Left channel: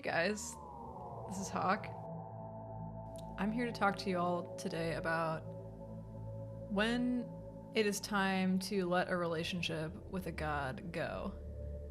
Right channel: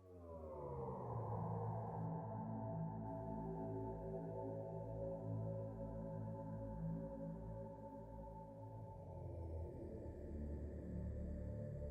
Hey guys, this is Hawk. I'm here to talk to you all today about when it is time to let a relationship with a god go.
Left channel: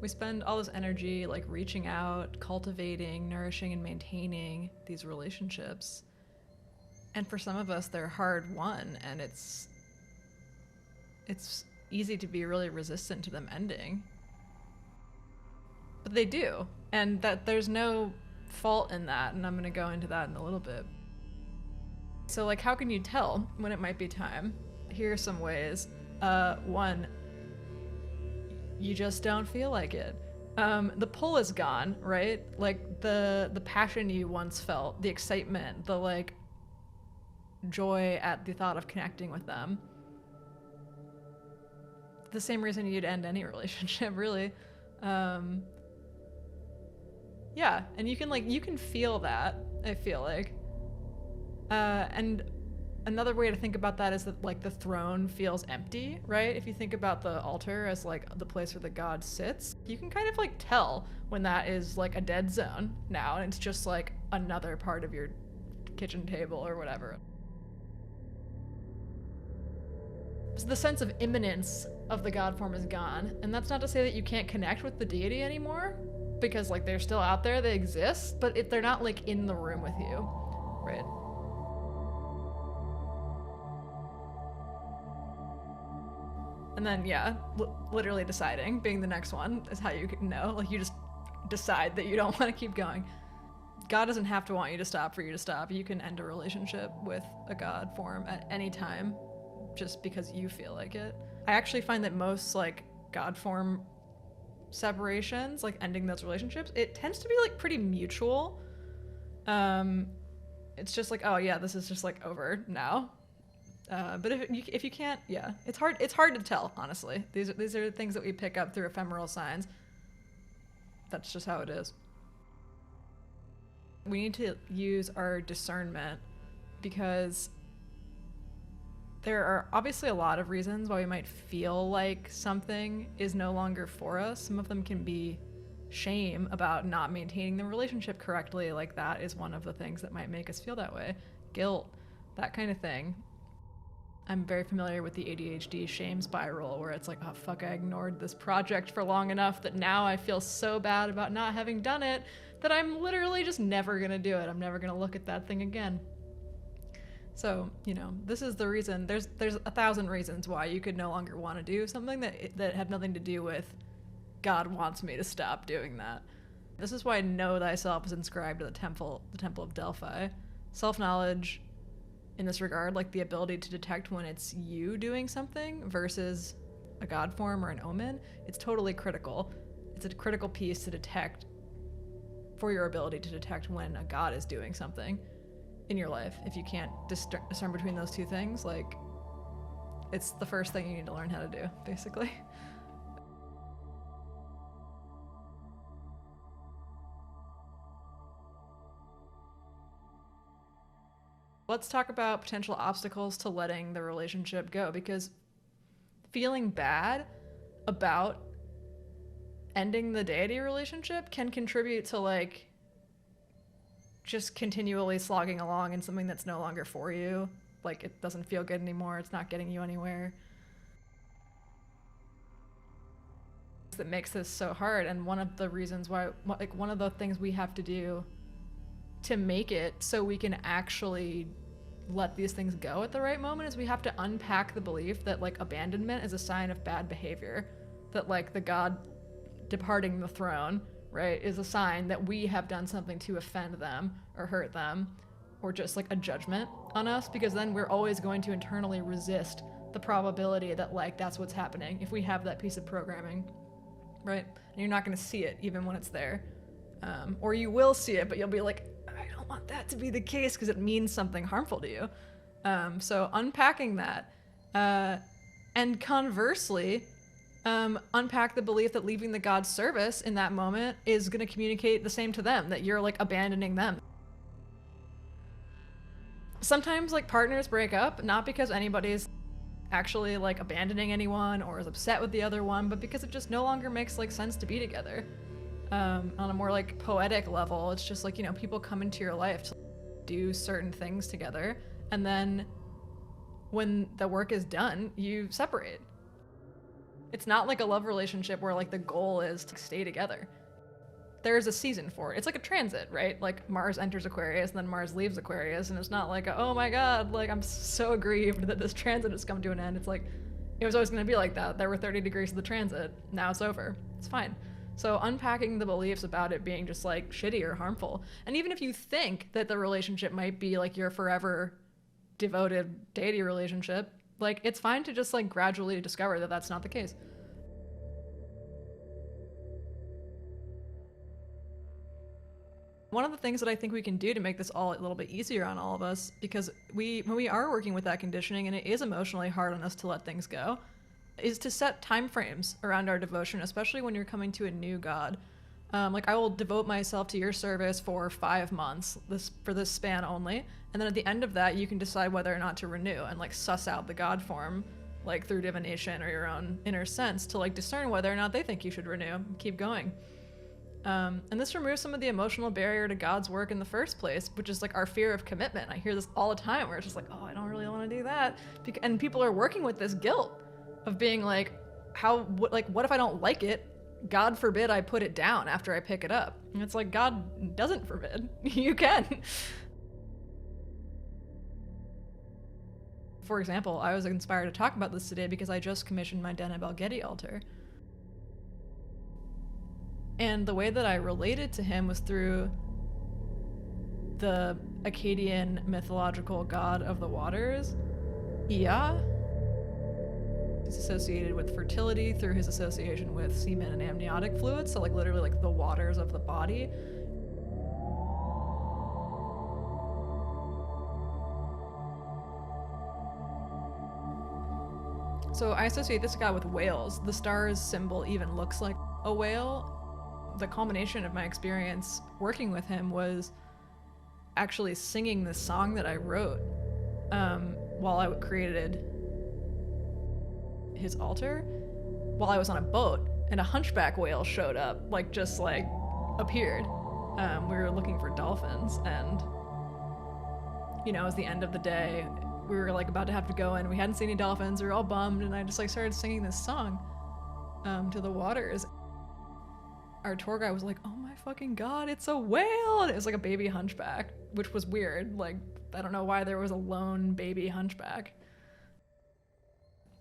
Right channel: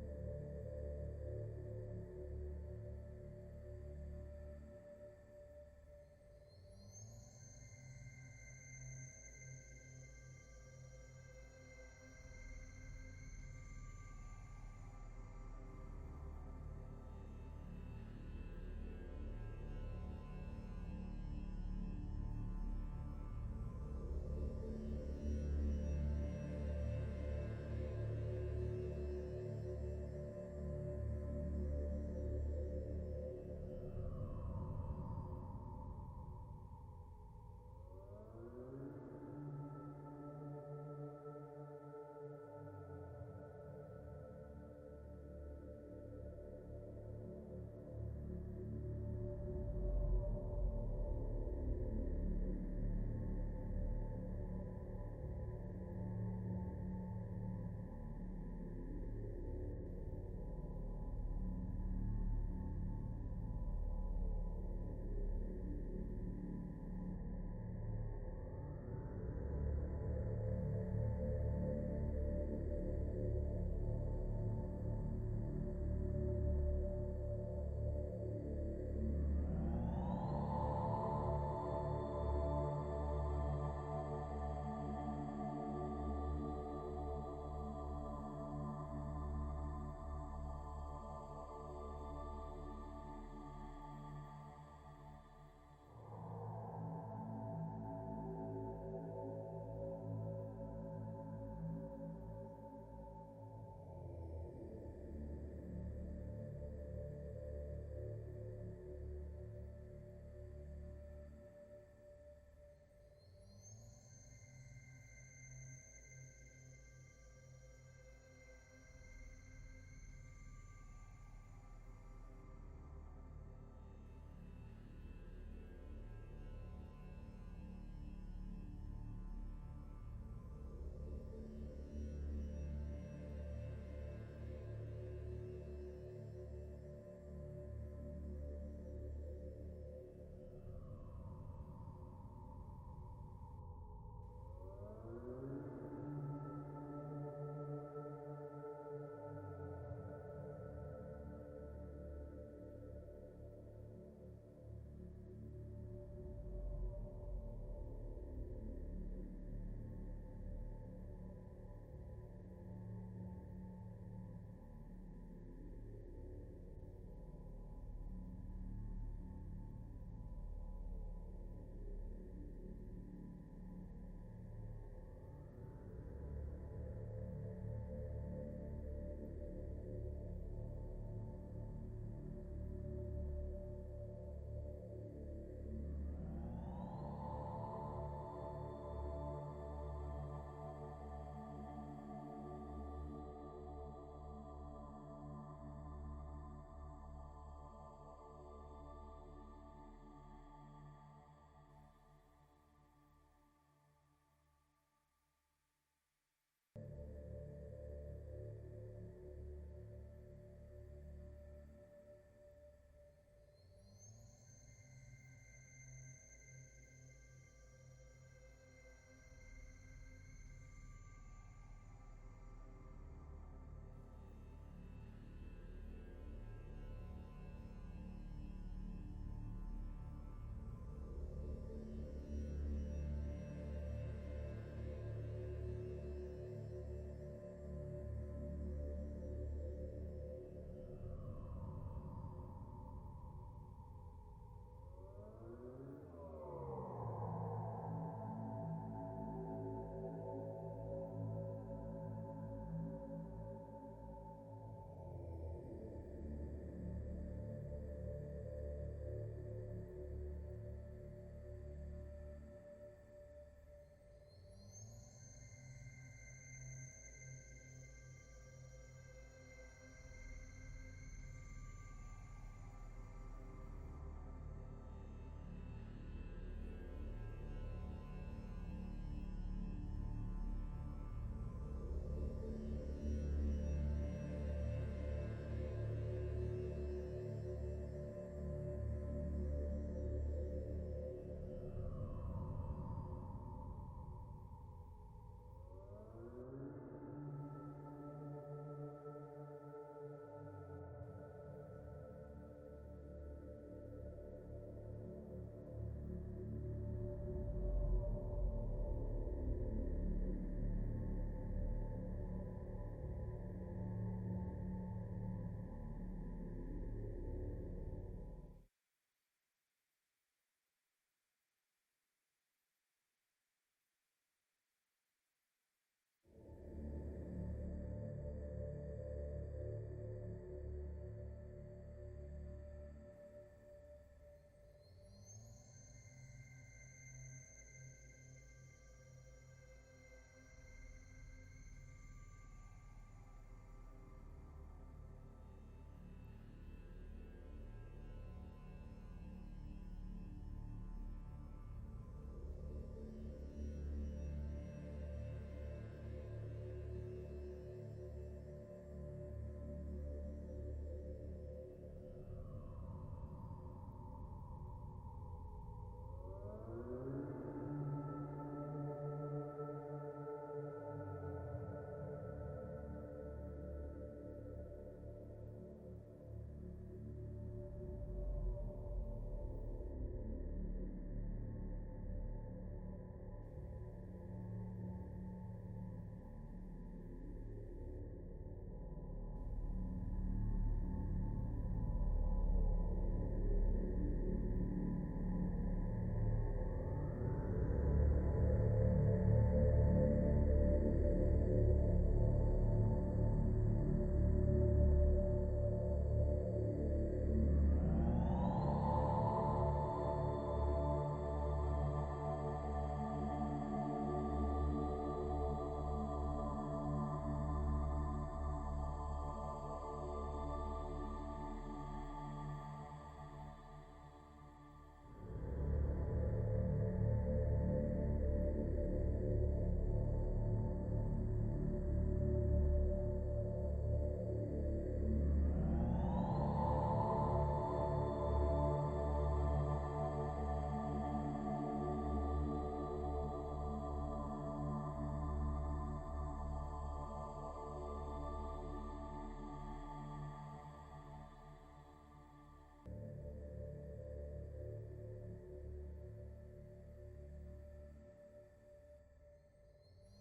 We spend all this energy like reaching out, cultivating, nourishing, and maintaining these relationships. And for some of us, they're hard won, and it's easy to be really resistant to them ending. But they do, and that there's no fault in that, and I'm going to go into that in a little bit. So like, how can you tell when it might be time? Here are some ways. One, you just don't feel like it. The pull is gone, right? Like the passion you once felt, the excitement, the like joy at the thought of connecting with them. The same reason you'd end any relationship, really. Yeah, and you can feel that, I feel like. And another way to think about that is that like the throne feels empty, right? If you think about the altar as like the place where the god sits, you can kind of like tell when that is like a dead zone now, and it's just like another part of your kitchen table or whatever. So the sense of imminence of the god form is gone, and that's not to say that you can't connect with the deity anymore, because like they're still out there, they exist, but they're not like in the room with you, right? And then yeah, literally deciding, being the next one, is how you can know. Like you just decide that you don't want to keep going. God doesn't have to want you to stop for you to stop. You can end a relationship with a god form at any time, just because you feel like it. I actually find that most like god form separations, like ending those relationships, it tends to be like pretty mutual. It's just like, oh yeah, this is just like over now. But if you can't, yeah, it's hard to tell, honestly. These are things that we pick up through ephemeral signs. That's just how it is. We need to use our discernment, because there are obviously a lot of reasons why we might feel like something is no longer for us. Some of them can be shame about not maintaining the relationship correctly. Like that is one of the things that might make us feel that way. Guilt, that kind of thing. I'm very familiar with the ADHD shame spiral, where it's like, oh fuck, I ignored this project for long enough that now I feel so bad about not having done it that I'm literally just never gonna do it. I'm never gonna look at that thing again. So, you know, this is the reason. There's 1,000 reasons why you could no longer want to do something that have nothing to do with God wants me to stop doing that. This is why know thyself is inscribed to the temple of Delphi. Self-knowledge in this regard, like the ability to detect when it's you doing something versus a god form or an omen, it's totally critical. It's a critical piece to detect for your ability to detect when a god is doing something in your life. If you can't discern between those two things, like, it's the first thing you need to learn how to do, basically. Let's talk about potential obstacles to letting the relationship go, because feeling bad about ending the deity relationship can contribute to like just continually slogging along in something that's no longer for you. Like it doesn't feel good anymore, it's not getting you anywhere. That makes this so hard, and one of the reasons why, like one of the things we have to do to make it so we can actually let these things go at the right moment is we have to unpack the belief that like abandonment is a sign of bad behavior, that like the god departing the throne, right, is a sign that we have done something to offend them or hurt them, or just like a judgment on us, because then we're always going to internally resist the probability that like that's what's happening if we have that piece of programming, right? And you're not going to see it even when it's there, or you will see it, but you'll be like, I don't want that to be the case because it means something harmful to you. So unpacking that, and conversely, unpack the belief that leaving the god's service in that moment is going to communicate the same to them, that you're like abandoning them. Sometimes like partners break up not because anybody's actually like abandoning anyone or is upset with the other one, but because it just no longer makes like sense to be together. On a more like poetic level, it's just like, you know, people come into your life to do certain things together, and then when the work is done, you separate. It's not like a love relationship where like the goal is to stay together. There's a season for it. It's like a transit, right? Like Mars enters Aquarius and then Mars leaves Aquarius, and it's not like, oh my god, like I'm so aggrieved that this transit has come to an end. It's like, it was always going to be like that. There were 30 degrees of the transit. Now it's over. It's fine. So unpacking the beliefs about it being just like shitty or harmful. And even if you think that the relationship might be like your forever devoted deity relationship, like it's fine to just like gradually discover that that's not the case. One of the things that I think we can do to make this all a little bit easier on all of us, because when we are working with that conditioning and it is emotionally hard on us to let things go, is to set time frames around our devotion, especially when you're coming to a new god. Like I will devote myself to your service for 5 months, for this span only, and then at the end of that you can decide whether or not to renew and like suss out the god form, like through divination or your own inner sense, to like discern whether or not they think you should renew and keep going. And this removes some of the emotional barrier to God's work in the first place, which is like our fear of commitment. I hear this all the time where it's just like, oh, I don't really want to do that. And people are working with this guilt of being like, what if I don't like it? God forbid I put it down after I pick it up. And it's like, God doesn't forbid. You can. For example, I was inspired to talk about this today because I just commissioned my Deneb Algedi altar. And the way that I related to him was through the Akkadian mythological god of the waters, Ea. He's associated with fertility through his association with semen and amniotic fluids, so like literally like the waters of the body. So I associate this god with whales. The star's symbol even looks like a whale. The culmination of my experience working with him was actually singing this song that I wrote while I created his altar, while I was on a boat, and a hunchback whale showed up, like just like appeared. We were looking for dolphins, and you know, it was the end of the day. We were like about to have to go in. We hadn't seen any dolphins. We were all bummed, and I just like started singing this song to the waters. Our tour guide was like, oh my fucking god, it's a whale! And it was like a baby hunchback, which was weird. Like, I don't know why there was a lone baby hunchback.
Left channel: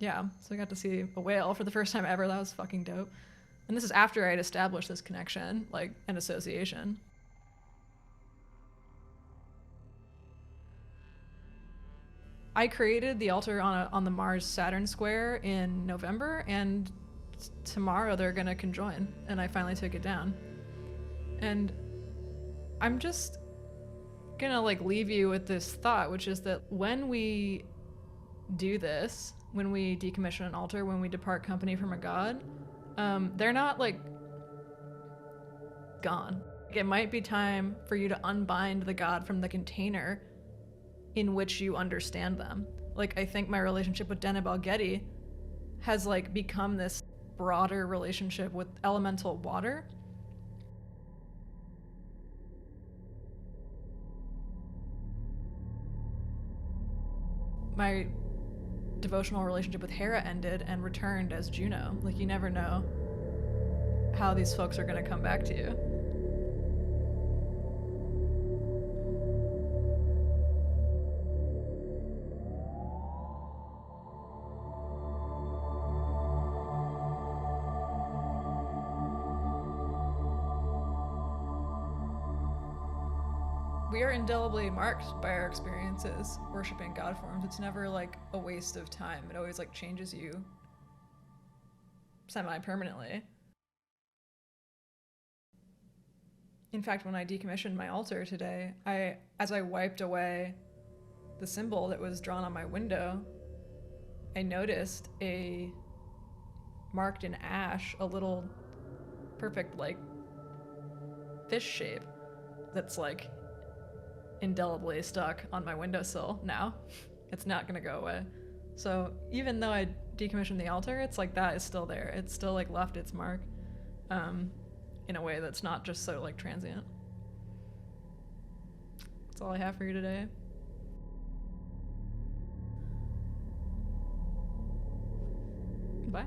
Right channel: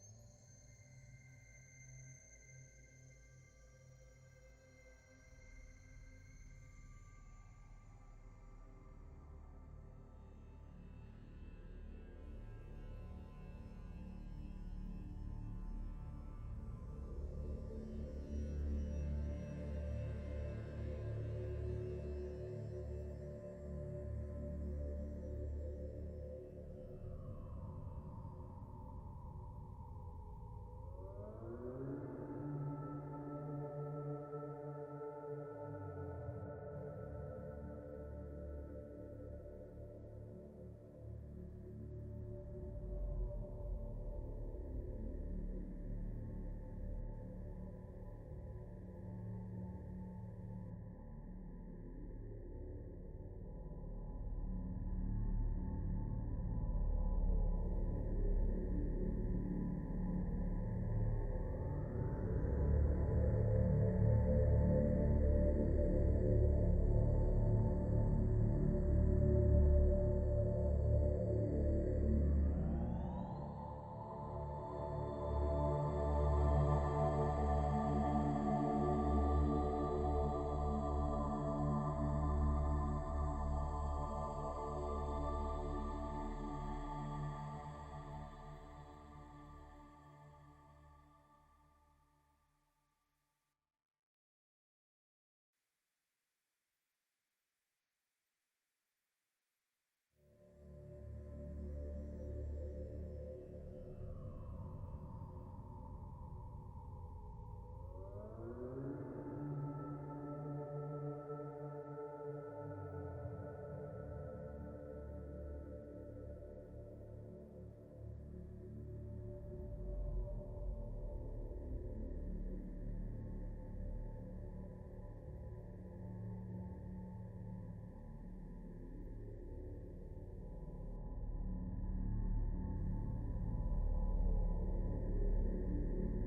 Yeah, so I got to see a whale for the first time ever. That was fucking dope. And this is after I had established this connection, like, an association. I created the altar on the Mars-Saturn square in November, and tomorrow they're gonna conjoin, and I finally took it down. And I'm just gonna like leave you with this thought, which is that when we do this, when we decommission an altar, when we depart company from a god, they're not like gone. It might be time for you to unbind the god from the container in which you understand them. Like, I think my relationship with Deneb Algedi has like become this broader relationship with elemental water. My devotional relationship with Hera ended and returned as Juno. Like, you never know how these folks are going to come back to you. We are indelibly marked by our experiences worshiping God forms. It's never like a waste of time. It always like changes you semi-permanently. In fact, when I decommissioned my altar today, as I wiped away the symbol that was drawn on my window, I noticed marked in ash, a little perfect like fish shape that's like indelibly stuck on my windowsill now. It's not gonna go away. So even though I decommissioned the altar, it's like that is still there. It's still like left its mark. in a way that's not just so like transient. That's all I have for you today. Bye.